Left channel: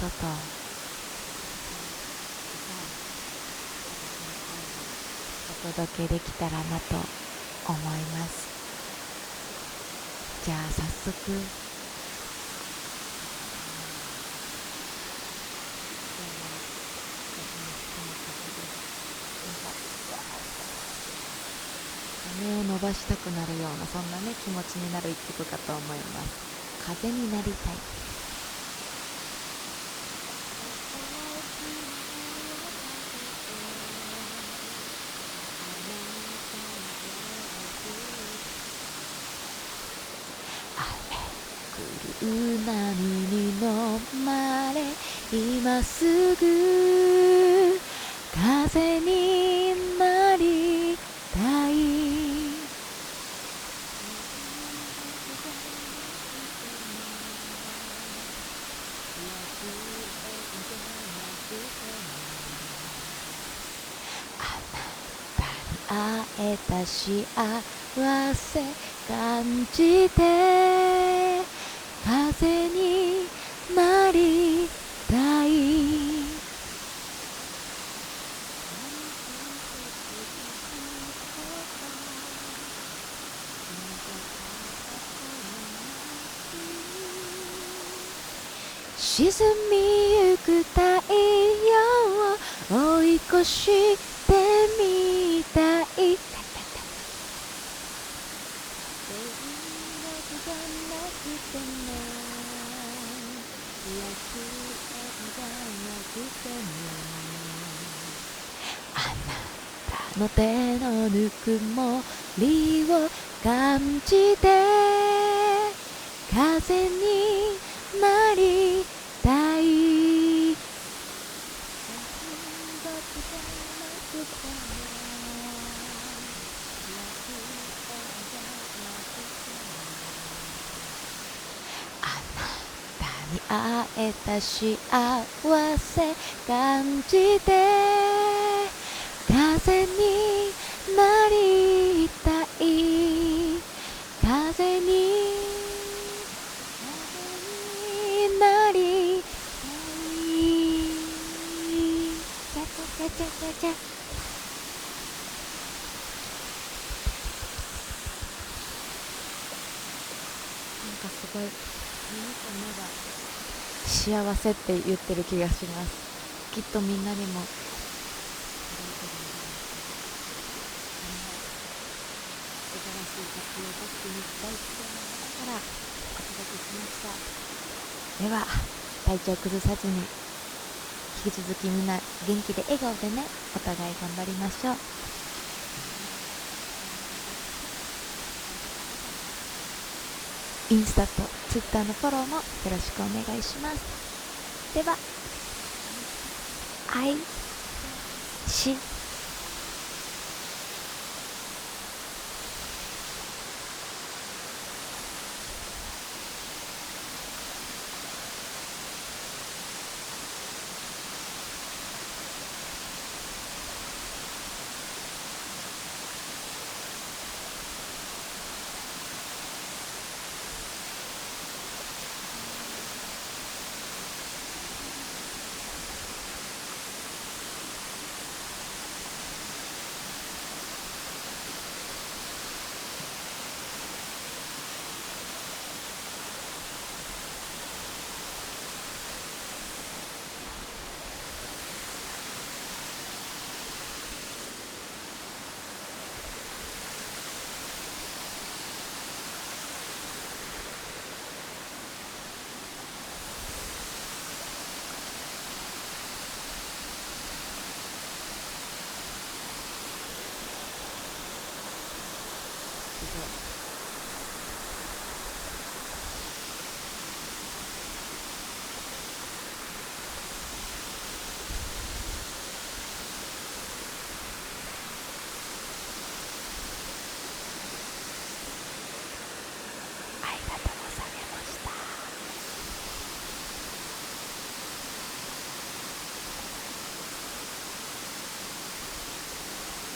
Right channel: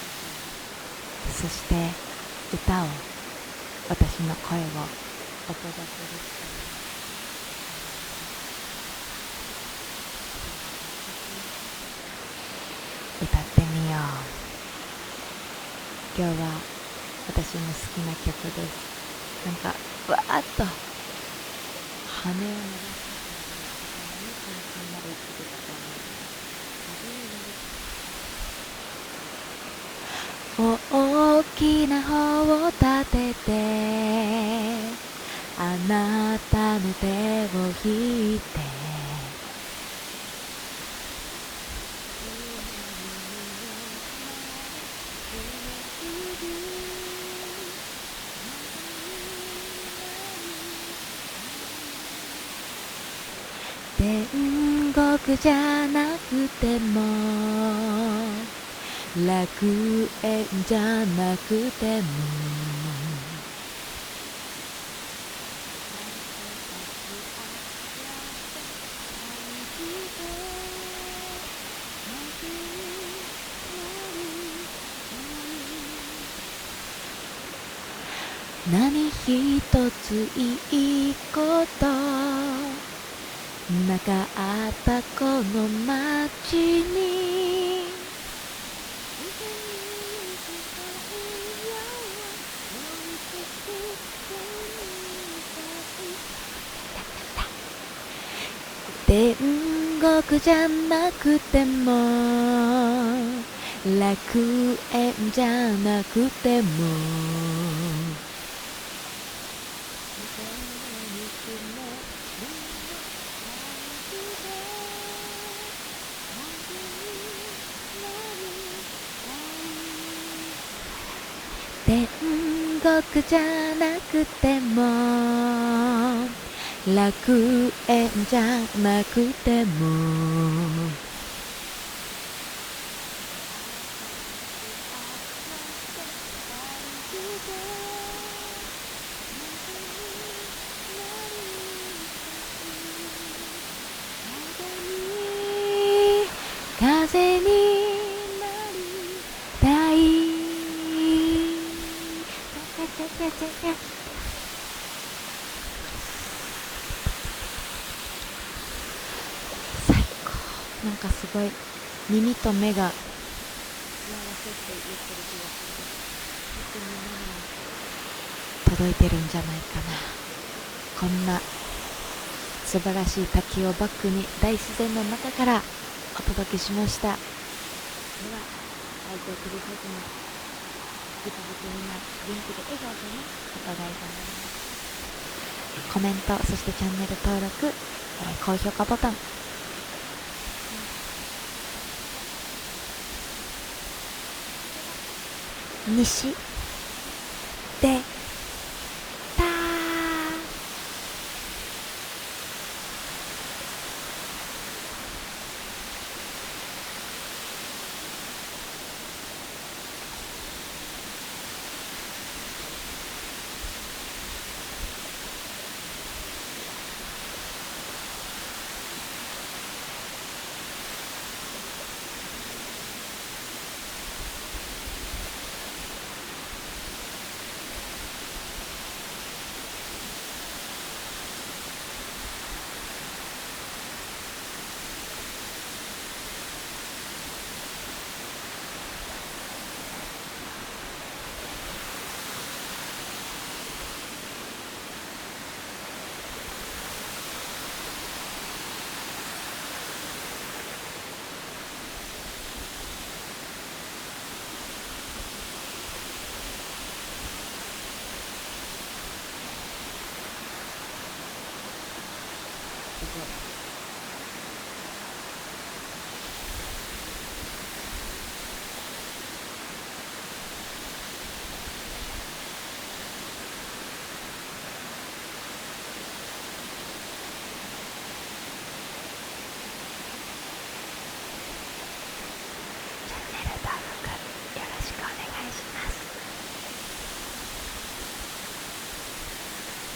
と、そして歌を、私の声をお届けできたらなと思います。じゃあ早速歌ってみよう。今日は私の好きな曲です。なんかわーっと羽を伸ばしたくなるような、そんなね気持ちになる一曲かと思います。風になりたい。大きな帆を立ててあなたの手を引いて、雨降る波に飲まれ、今すぐ風になりたい。天国じゃなくても楽園じゃなくても、あなたに会えた幸せ感じて、風になりたい。何一ついいことなかったこの街に、沈みゆく太陽を追い越してみたい。天国じゃなくても楽園じゃなくても、あなたの手のぬくもりを感じて、風になりたい。天国じゃなくても楽園じゃなくても、あなたに会えた幸せ感じて、風になりたい。風になりたい。チャチャチャチャチャチャ。最高。なんかすごい耳と目が幸せって言ってる気がします。きっとみんなにも届いてるんじゃないかな。こんな素晴らしい滝をバックに大自然の中からお届けしました。では体調崩さずに、引き続きみんな元気で笑顔でね、お互い頑張りましょう。コメント、そしてチャンネル登録、高評価ボタン、インスタとツイッターのフォローもよろしくお願いします。では、西愛でした。すごい。